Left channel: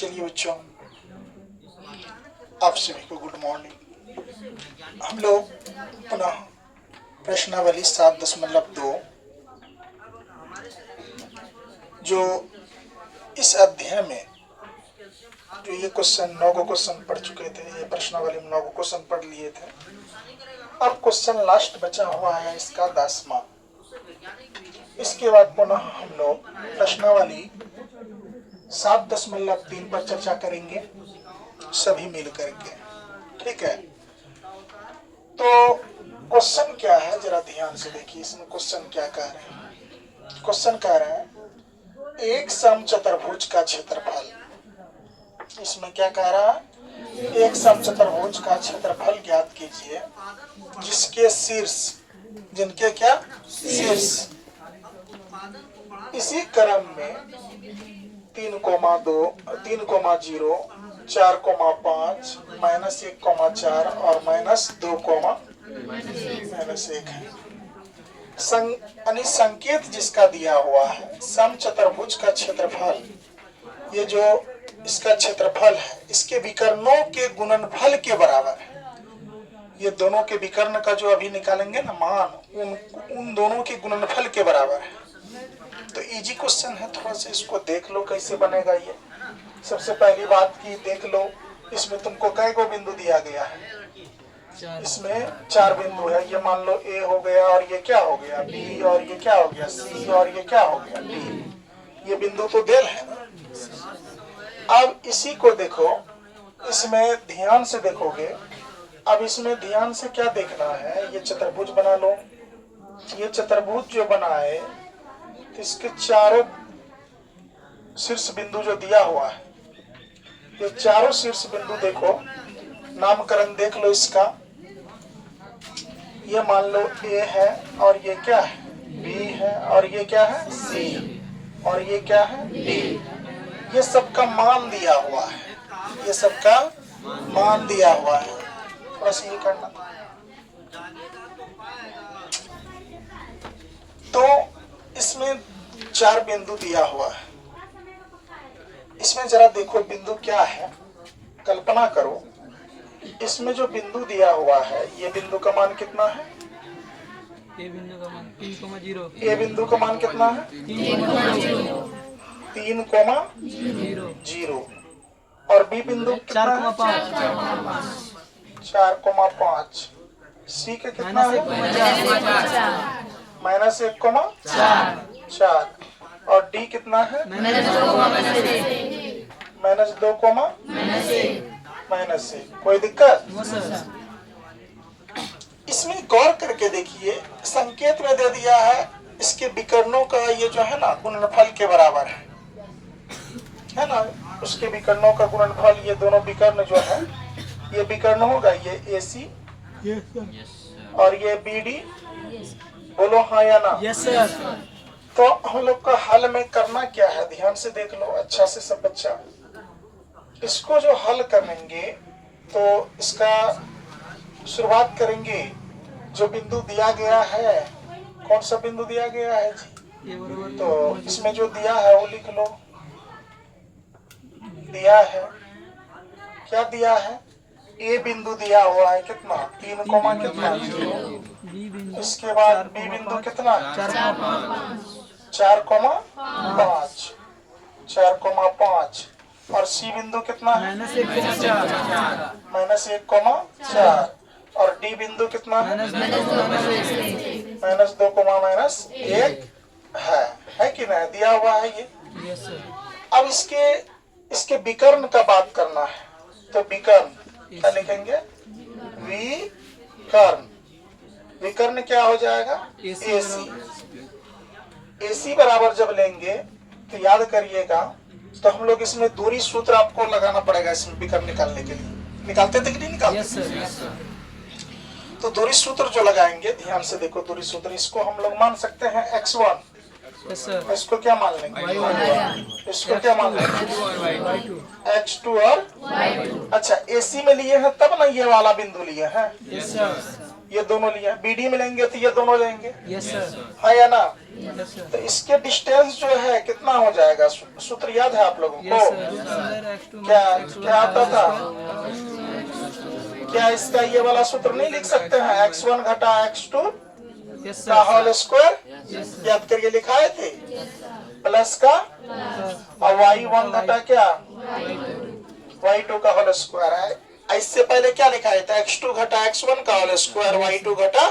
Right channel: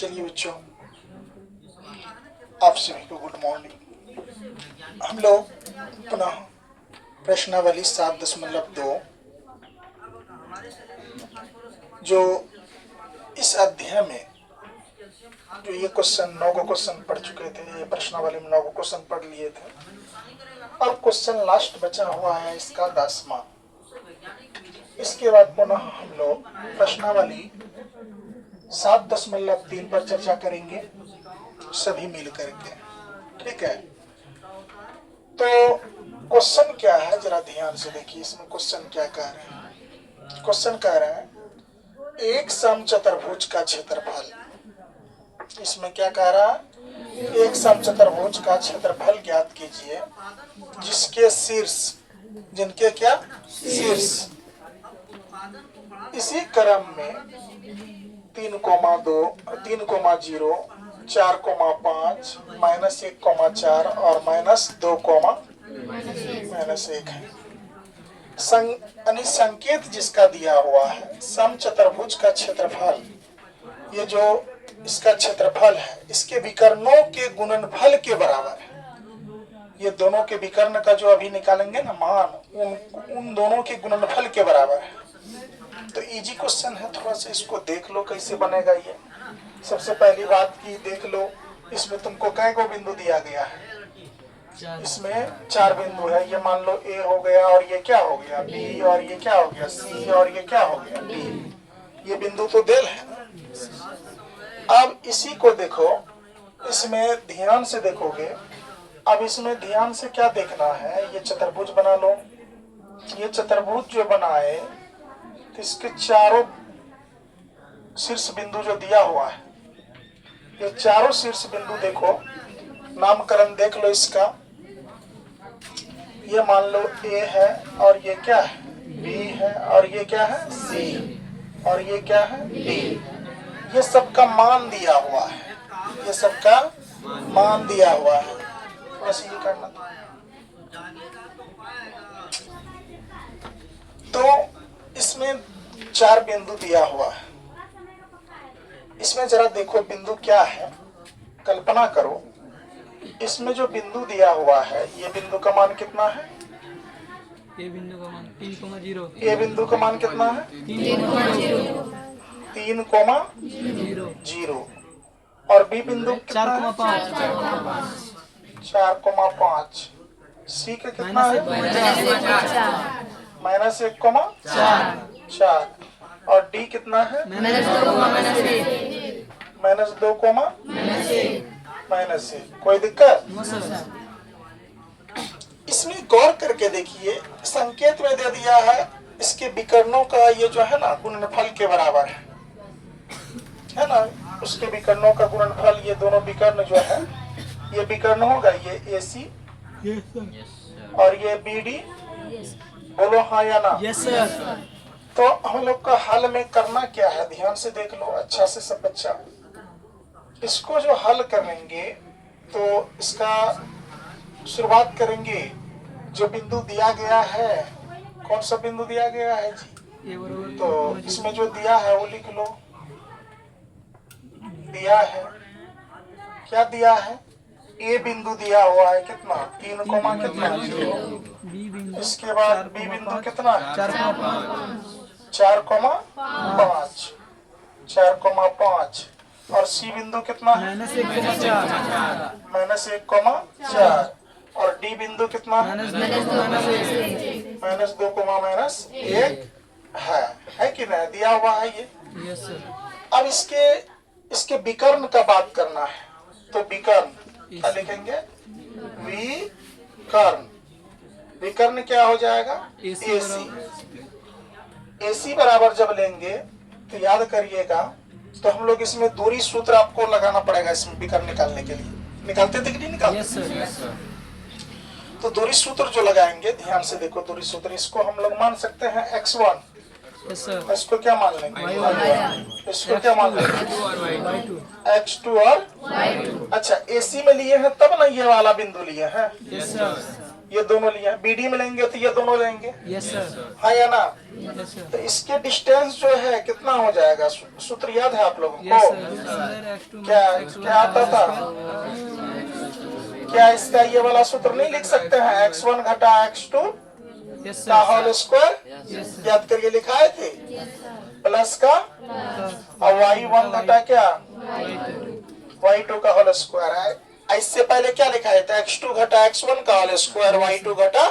चलिए बच्चों, आप सभी को गुड मॉर्निंग। हम लोग पुनः प्रश्नावली 7.2 जो इस अध्याय में जो ये क्वेश्चन 9 को क्वेश्चन पढ़ चुके थे, ये प्रश्नावली में 9 को क्वेश्चन पढ़ लिए थे। अब क्वेश्चन लास्ट बचा हुआ है इसका 10वां। इसके बाद पुनः हम लोग प्रश्नावली 7.3 पर चर्चा करेंगे सभी मिल करके, ठीक है। तो क्वेश्चन क्या है जरा ध्यान से देखिए। इसमें क्वेश्चन क्या कह रहे हैं? क्वेश्चन कह रहे हैं एक समचतुर्भुज का क्षेत्रफल। इसमें क्या कह रहा है? एक समचतुर्भुज का क्षेत्रफल ज्ञात कीजिए जिसके शीर्ष, जिनके क्या शीर्ष इसी क्रम में 3,2, 3,0, 4,5, -1,4 और -2,-1 है। संकेत जिसका दिया हुआ है समचतुर्भुज का क्षेत्रफल, ये जो इसका क्षेत्रफल है इसके विकर्णों के गुणनफल के बराबर है। ये दोनों के विकर्ण का जो अभी निकालेंगे ना मान, उन दोनों के गुणनफल के बराबर है। तो इजी क्वेश्चन है, थोड़ा सा इसको देख लो कैसे बनेगा ये। सबसे पहली बात की देख लो, इसमें तुमको कै को बिंदु दिया गया है? इसमें 4 बिंदु है। ये मान लो ए हो गया और ये क्या हो गया बी, और ये क्या हो गया सी, और ये क्या हो गया डी। ये बिंदु तो देल है ना। अब इसी को देखो, इसमें ध्यान से देखोगे। अब इसमें ध्यान से क्या देखना है, ये चतुर्भुज बना लो। ये चतुर्भुज जो बनाए तो इसके चारों शीर्ष बिंदु जो दिया हुआ है, ये चारों शीर्ष बिंदु देखो, नामकरण देख लो इसका। ये मान लो ए है और ये क्या है बी है, और ये क्या है सी, और ये क्या है डी। ये सबका मान दिया हुआ है, ये सबका मान दिया हुआ है। बस ये करना। तो इसमें 4 बिंदु दिया हुआ है। इसमें जरा देखो बिंदु क्या है, कल्पना करो। इसमें जो बिंदु दिया हुआ है, ये बिंदु का मान कितना है? ए बिंदु का मान 3,0। ए बिंदु का मान कितना है? 3,0। और बी बिंदु कितना है? 4,5। सी का कितना है? -1,4। और डी कितना है? -2,-1। कोई दिक्कत? इसमें गौर करके देखिए, संकेत में दे दिया है इसके विकर्णों का ये जो है ना गुणनफल के बराबर है ना। उसके विकर्णों का गुणनफल, ये दोनों विकर्ण जो है, ये विकर्ण होगा, ये AC और ये BD। बोलो हाँ या ना? Yes sir. तो हम लोग को हल में करना क्या है, ध्यान से देख लो अच्छा से सब बच्चा। इसको जो हल करेंगे तो इसका शुरुआत करेंगे। जो बिंदु दिया गया है, कौन सा बिंदु दिया गया है जी? तो इसमें जो दिया है वो लिख लो। दिया है, क्या दिया है? ए बिंदु दिया हुआ है कितना? 3, कितना? इसके बाद बी बिंदु कितना? 4,5। 4,5। और सी बिंदु कितना है? -1,4। और डी बिंदु कितना है? -2,-1 है कि नहीं? दिया हुआ है ये। Yes sir. अब इसके विकर्ण का बात करना है, तो विकर्ण क्या लिखेंगे? विकर्ण। विकर्ण क्या हो जाएगा? AC। AC बराबर जब लेंगे तो याद करिएगा, तो हम लोग इसमें दूरी सूत्र आपको लगाना पड़ेगा इसमें विकर्ण निकालने के लिए। निकालते थे कि नहीं निकालते? Yes sir. तो दूरी सूत्र जो लगाएंगे, ध्यान से देखो दूरी सूत्र। इसको हम लोग मान सकते हैं x1। Yes sir. इसको क्या मान लेंगे? इसको क्या मान लेंगे? x2 और y2। अच्छा AC में लिए हैं तब ना ये वाला बिंदु लिए हैं? Yes sir. ये दोनों लिया, BD में लेंगे तो ये दोनों लेंगे, यस सर, हाँ या ना। यस सर, तो इसके डिस्टेंस जो है कितना हो जाएगा, सूत्र याद है आप लोगों यस को? सर, रूट अंडर x2 क्या माइनस x1 क्या आता था? स्क्वायर। क्या इसका ये वाला सूत्र नहीं लिख सकते हैं, x1 घटा x2 यस का sir, whole square? Yes sir, याद करिए, लिखाए थे प्लस का, और y1 घटा क्या, y2 का होल स्क्वायर है। इससे पहले क्या लिखाए थे, x2 घटा x1 का होल स्क्वायर, y2 घटा,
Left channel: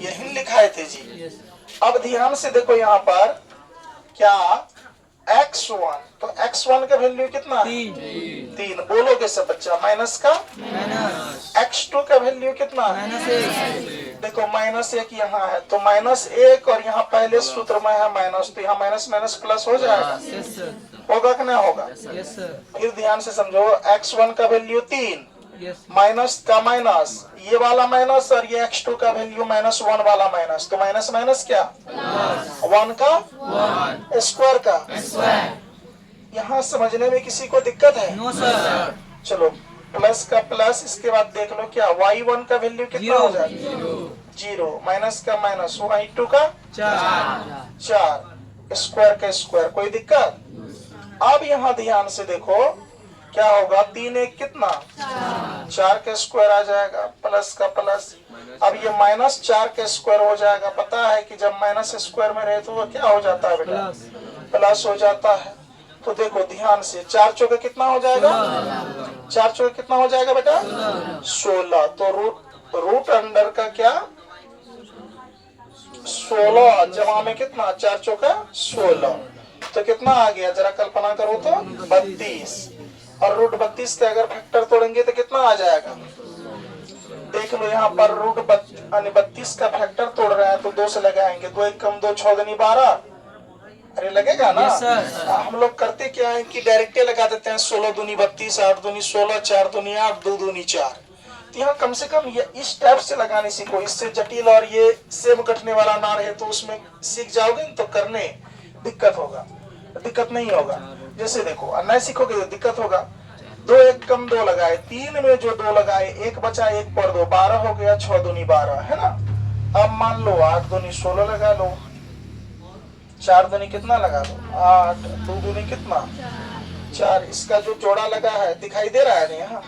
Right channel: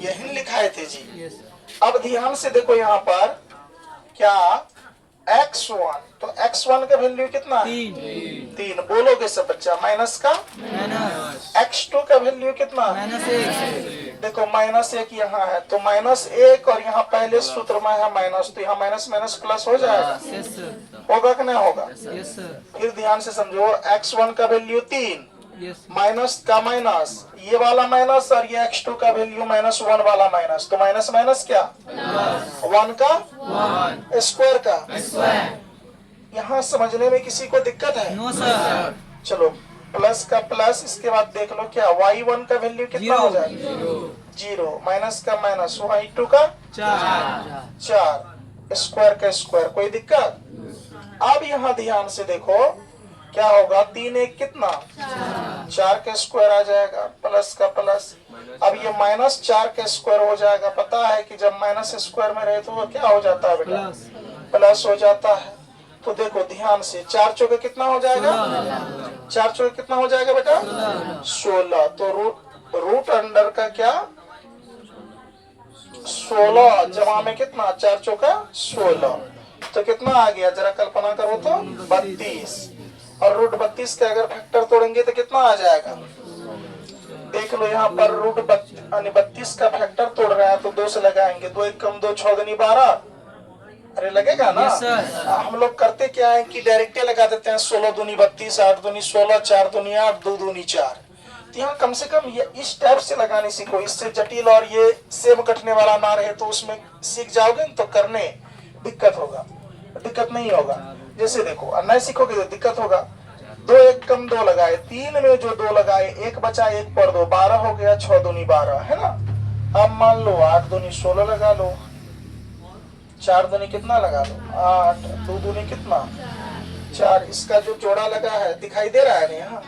यही लिखाए थे जी। यस अब ध्यान से देखो यहाँ पर क्या, x1, तो x1 का वैल्यू कितना है, 3, बोलोगे सब बच्चा, माइनस का, माइनस x2 का वैल्यू कितना, -1, देखो -1 यहाँ है, तो -1 और यहाँ पहले सूत्र में है माइनस, तो यहाँ माइनस माइनस प्लस हो जाएगा, यस सर, होगा कि नहीं होगा? यस सर, फिर ध्यान से समझो, x1 का वैल्यू 3, यस माइनस का माइनस, ये वाला माइनस, और ये x2 का वैल्यू -1 वाला माइनस, तो माइनस माइनस क्या, 1 का स्क्वायर का। यहाँ समझने में किसी को दिक्कत है? नो सर, चलो, प्लस का प्लस, इसके बाद देख लो क्या, y1 का वैल्यू कितना हो जाएगा, 0, माइनस का माइनस, y2 का 4, स्क्वायर का स्क्वायर, कोई दिक्कत? अब यहाँ ध्यान से देखो क्या होगा, 3 1 कितना, 4 का स्क्वायर आ जाएगा, प्लस का प्लस, अब ये -4 का स्क्वायर हो जाएगा। पता है कि जब माइनस स्क्वायर में रहे तो वो क्या हो जाता है बेटा, प्लस हो जाता है। तो देखो ध्यान से, 4 चौके कितना हो जाएगा, 4 चौके कितना हो जाएगा बेटा, 16, तो रूट अंडर का क्या, 16 जमा में कितना, 4 चौका 16, तो कितना आ गया, जरा कल्पना करो तो 32, और रूट 32 का अगर फैक्टर तोड़ेंगे तो कितना आ जाएगा, देख लो यहाँ पर रूट 32 का फैक्टर तोड़ रहे हैं तो 2 से लगाएंगे, 2 1 कम 2 6 दूनी 12, अरे लगेगा ना। हम लोग करते क्या है कि डायरेक्ट लगा देते हैं, 16 दूनी 32, 8 दूनी 16, 4 दूनी 8, 2 दूनी 4। तो यहाँ कम से कम ये इस टाइप से लगाने सीखो, इससे जटिल और ये सेम कटने वाला ना रहे, तो उसमें सीख जाओगे तो करने दिक्कत होगा, दिक्कत नहीं होगा। जैसे देखो, नहीं सीखोगे तो दिक्कत होगा। 2 1 कम 2 लगाए, 3 में जो 2 लगाए, 1 बचा 1 पर 2, 12 हो गया, 6 दूनी 12 है ना। अब मान लो 8 दूनी 16 लगा लो, 4 दूनी कितना लगा लो 8, 2 दूनी कितना 4, इसका जो जोड़ा लगा है दिखाई दे रहा है ना यहाँ।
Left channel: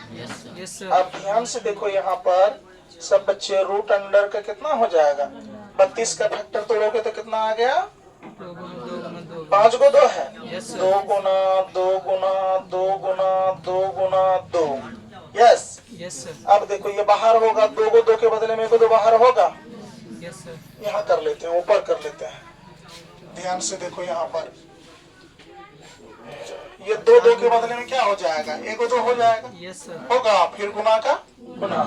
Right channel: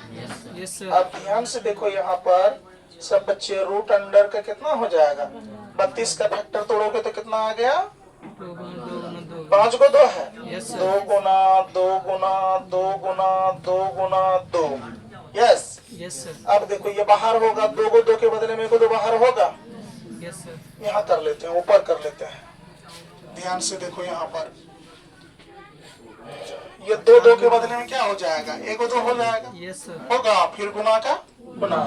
यस अब ध्यान से देखो यहाँ पर सब बच्चे, रूट अंडर का कितना हो जाएगा, 32 का फैक्टर तोड़ोगे तो कितना आ गया, 5 को 2 है, 2 गुना 2 गुना 2 गुना 2 गुना 2, यस यस सर, अब देखो ये बाहर होगा, 2 को 2 के बदले में 1 को 2 बाहर होगा, यस सर, यहाँ कर लेते हैं, ऊपर कर लेते हैं। ध्यान से देखो यहाँ पर ये 2 2 के बदले में क्या हो जाएगा, 1 को 2 हो जाएगा, यस सर, होगा, फिर गुना का गुना,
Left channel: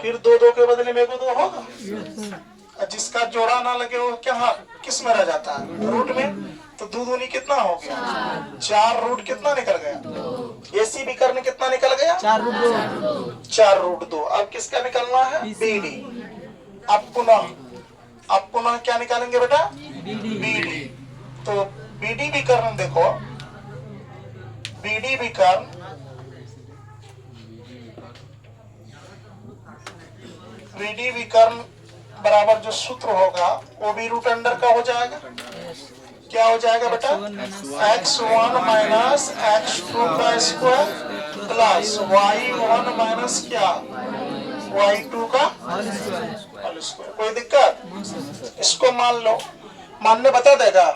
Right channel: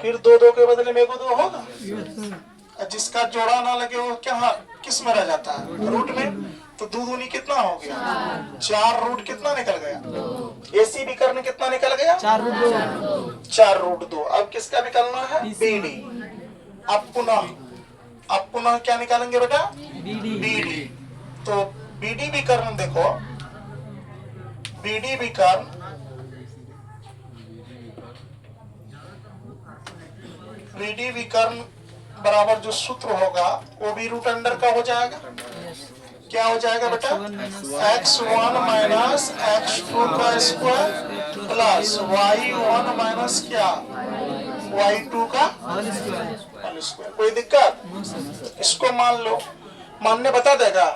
फिर 2 2 के बदले में 1 को 2 होगा, यस सर, और जिसका जोड़ा ना लगे वो क्या किस में रह जाता है, रूट में। तो 2 दूनी कितना हो गया, 4 रूट कितना निकल गया, एसी विकर्ण कितना निकल गया, 4 रूट 2, 4 रूट 2। अब किसका निकलना है, बीडी। अब पुनः क्या निकालेंगे बेटा, बीडी। तो बीडी विकर्ण देखो, बीडी विकर्ण बराबर जो सूत्र होगा वो भी रूट अंडर का हो जाएगा। क्या हो जाएगा बेटा, x1 माइनस x2 का स्क्वायर प्लस y1 माइनस क्या, y2 का होल स्क्वायर। कोई दिक्कत, इसको मान लो, मानने बता देगा।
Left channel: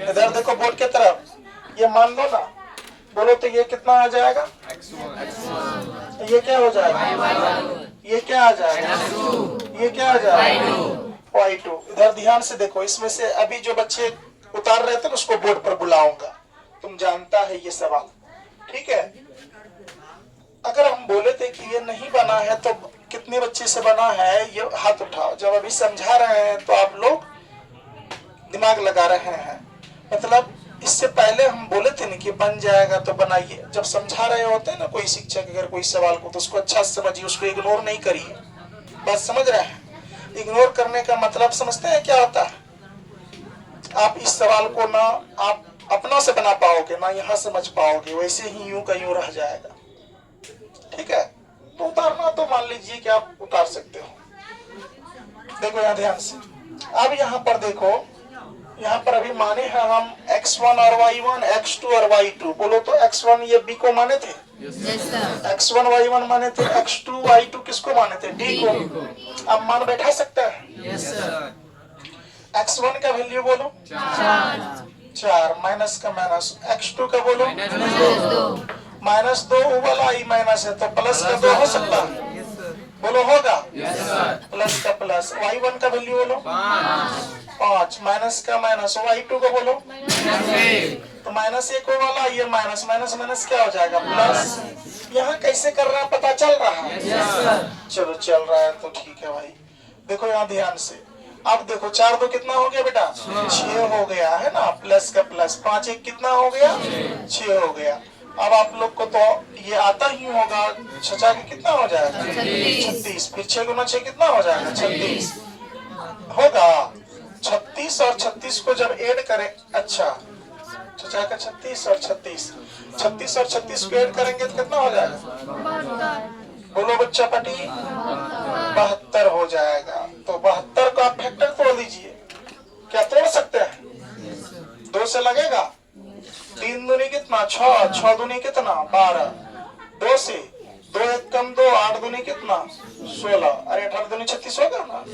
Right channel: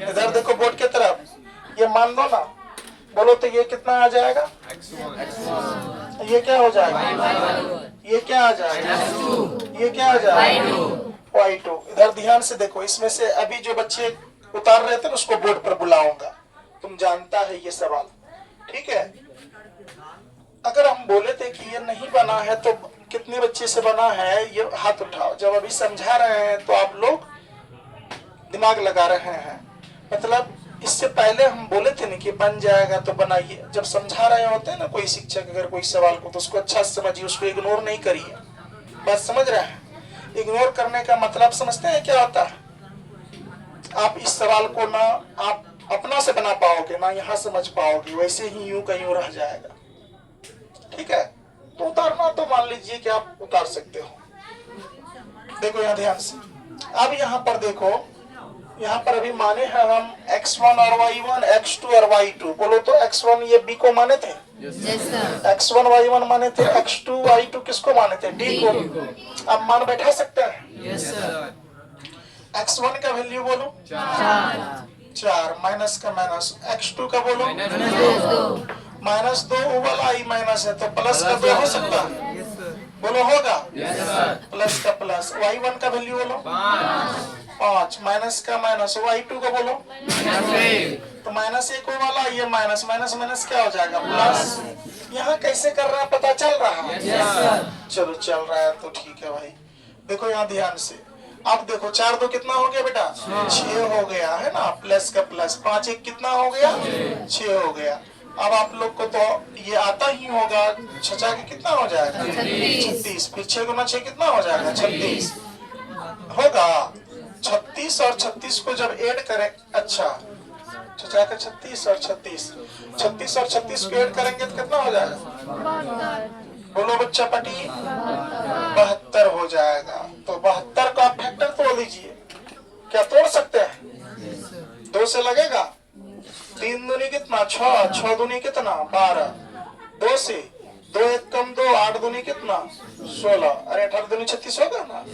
इधर देखो बोर्ड की तरफ, ये मान लो ना, बोलो तो ये कितना आ जाएगा, ये क्या हो जाएगा, ये क्या आ जाएगा, ये क्या आ जाएगा, y2। इधर ध्यान से देखो, इसमें से अभी जो बच्चे उतार रहे थे ना उसको बोर्ड पर बुलाऊंगा, तुम जानता है ये सवाल, ठीक है। अगर हम बोले थे कि ये नहीं बना है तो कितने बच्चे से बना है, ये हाथ उठाओ। जब अभी समझा रहे हैं तो आप लोग दिमाग लगा रहे हैं, मतलब इससे पहले हम बोले थे ना कि बन जाएगा तो बनाइए। जब समझा रहे होते हैं ना कोई शिक्षक अगर कोई सवाल को, तो उसको अच्छा से समझिए, उसको इग्नोर नहीं करिए। बात समझ रहे हैं, इग्नोर करने का मतलब समझते हैं क्या होता है, आप इस सवाल को ना आप अपना से बना पाओगे ना यहाँ समझ पाओगे, वैसे ही यूं का यूं रह जाएगा, ठीक है। तो उतारना तो मान लीजिए कि आप उतार सकते हो, देखो यहाँ ध्यान से। अब यहाँ पर देखो, यहाँ पर अभी माने हैं हम x1 और y1, x2 और y2। बोलो तो x1 ये b को माने थे, x1 y1 माने थे, x2 y2 किसको माने थे, d को। अब मान बैठा सकता है। Yes sir. x1 का वैल्यू बोलो 4, माइनस का माइनस, x2 का बोलो -2, वो वाला i माइनस है तो प्लस का 2 हो सकता है, यस सर। बोलो होगा, Yes. प्लस का प्लस। y1 का वैल्यू बोलो 5, माइनस का माइनस, y2 का बोलो तो -1 वो वाला, ये माइनस माइनस माइनस क्या हो जाएगा, प्लस। यहाँ कैसे कर रहा है पता चल रहा है, चलो चल रहा है तो ठीक है भाई। देखो यहाँ ध्यान से, अब देखो 4 2 कितना हो गया बेटा, 6 हो गया है ना, प्लस का प्लस, 5 1 कितना हो गया, 6 हो गया। अब आप लोग को तो ये आता ही होगा, 6 के कितना हो जाएगा, 36, फिर 6 गुना 6 कितना हो जाएगा, 36 होगा। 36 और 36 को जब ऐड करें, अच्छा 6 का 36 और 36, 36 और 36 को ऐड करेंगे तो कितना हो जाएगा, बोलो बच्चा पटी, 72 हो जाएगा। तो 72 का आप फैक्टर तोड़ लीजिए, क्या तोड़ सकते हैं, 2 से लगेगा, 3 दूनी कितना 6, 6 दूनी कितना 12, 2 से 2 1 कम 2, 8 दूनी कितना 16, अरे 18 दूनी 36 होगा ना,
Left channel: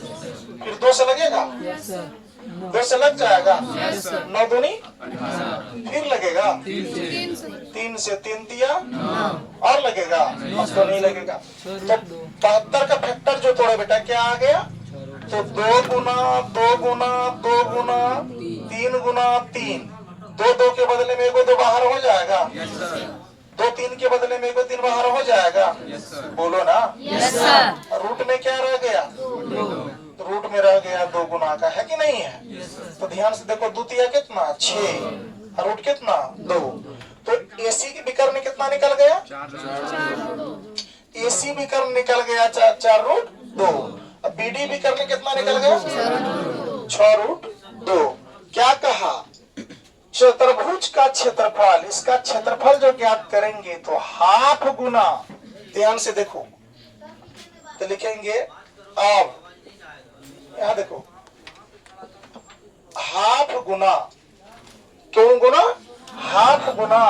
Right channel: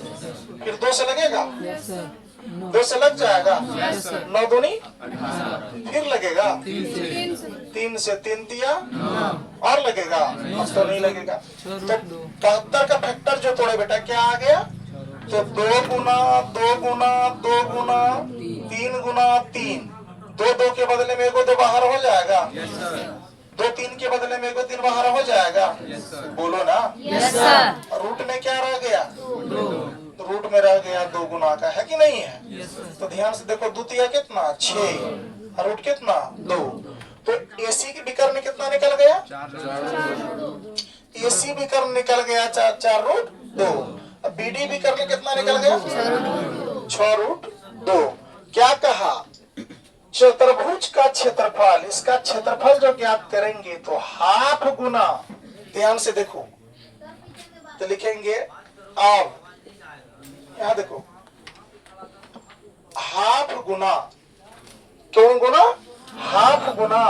फिर 2 से लगेगा, 2 से लग जाएगा, 9 दूनी फिर लगेगा, 3 से 3 दिया और लगेगा, तो नहीं लगेगा। तो 72 का फैक्टर जो तोड़े बेटा क्या आ गया, तो 2 गुना 2 गुना 2 गुना 3 गुना 3, 2 2 के बदले में 1 2 बाहर हो जाएगा, 2 3 के बदले में 1 3 बाहर हो जाएगा, बोलो ना। रूट में क्या रह गया, रूट में रह गया 2 गुना का, है कि नहीं है। तो ध्यान से देखो, द्वितीय कितना 6, रूट कितना 2, तो एसी की विकर्ण कितना निकल गया, एसी विकर्ण निकल गया 4 रूट 2। अब बीडी विकर्ण कितना निकल गया, 6 रूट 2। क्या कहा, चतुर्भुज का क्षेत्रफल, इसका क्षेत्रफल जो ज्ञात करेंगे तो हाफ गुना, ध्यान से देखो तो लिखेंगे, अब यहाँ देखो हाफ गुना, क्यों गुना, हाफ गुना,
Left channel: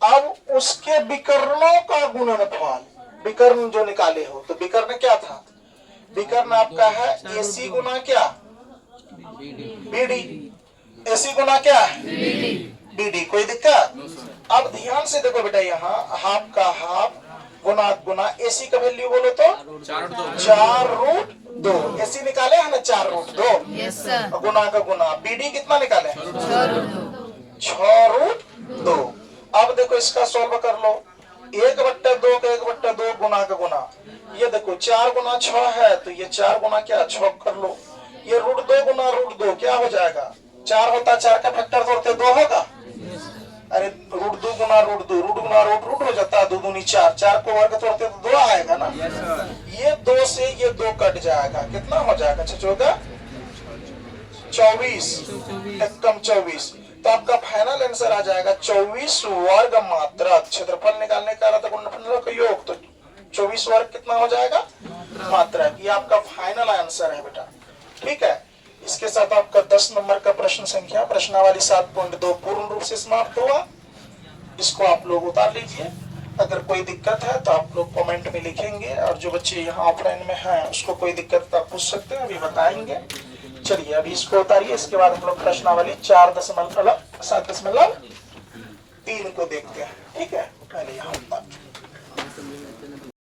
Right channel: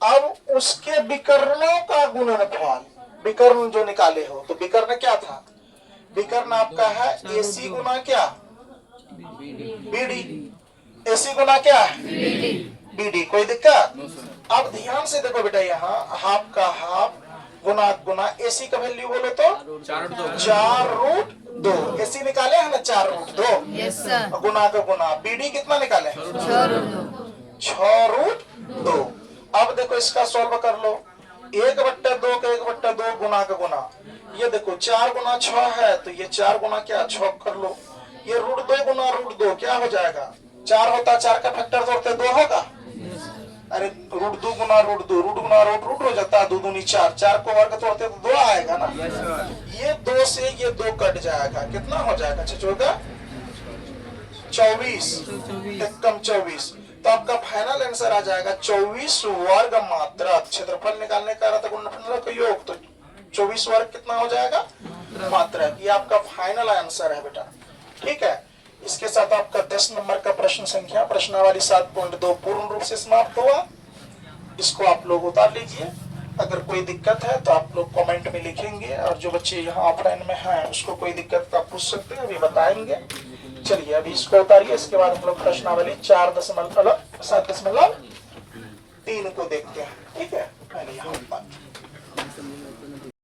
अब उसके विकर्णों का गुणनफल, विकर्ण जो निकाले हो तो विकर्ण क्या था, विकर्ण आपका है एसी गुना क्या, बीडी, एसी गुना क्या है, बीडी। कोई दिक्कत, अब ध्यान से देखो बेटा, यहाँ हाफ का हाफ गुना गुना, एसी का वैल्यू बोलो तो 4 रूट 2, एसी निकाले है ना 4 रूट 2, गुना का गुना, बीडी कितना निकाले 6 रूट 2। अब देखो इसका सॉल्व कर लो, 1/2 का 1/2 गुना का गुना, ये देखो 4 गुना 6 है तो ये 4 गुना क्या 6 कर लो, ये रूट 2 गुना रूट 2 क्या हो जाएगा, 4 होता, 4 का फैक्टर तोड़ते 2 होगा, अरे रूट 2 गुना रूट 2, रूट गुना रूट रूट हो जाता है, 2 दूनी 4, 4 को वर्ग तोड़ते तो 2 आएगा ना, ये 2 से ये 2 कट जाएगा, कितना हो जाएगा 6 का 24, एकदम 24। तो आपका फाइनल आंसर आ जाएगा 24 वर्ग मात्रक। क्षेत्रफल निकालने का गुणनफल का योग, तो 24 वर्ग कितना हो जाएगा, मात्रक। ये आपका फाइनल आंसर है बेटा, ठीक है। इसके साथ आपका 10 नंबर का प्रश्न संख्या प्रश्नावली 7.2 पूर्ण रूप से समाप्त हुआ। इसको आप लोग उतार लीजिए, अगर कोई दिक्कत है तो आप लोग कमेंट में लिखेंगे, और जो बच्चे यहाँ ऑफलाइन में हैं उसको कोई दिक्कत तो आप पूछ सकते हैं, अभी बताएंगे। चलिए अभी इसको उतारिए, इसके बाद हम लोग प्रश्नावली 4.7.3 को देखते हैं, ठीक है। पहले यहाँ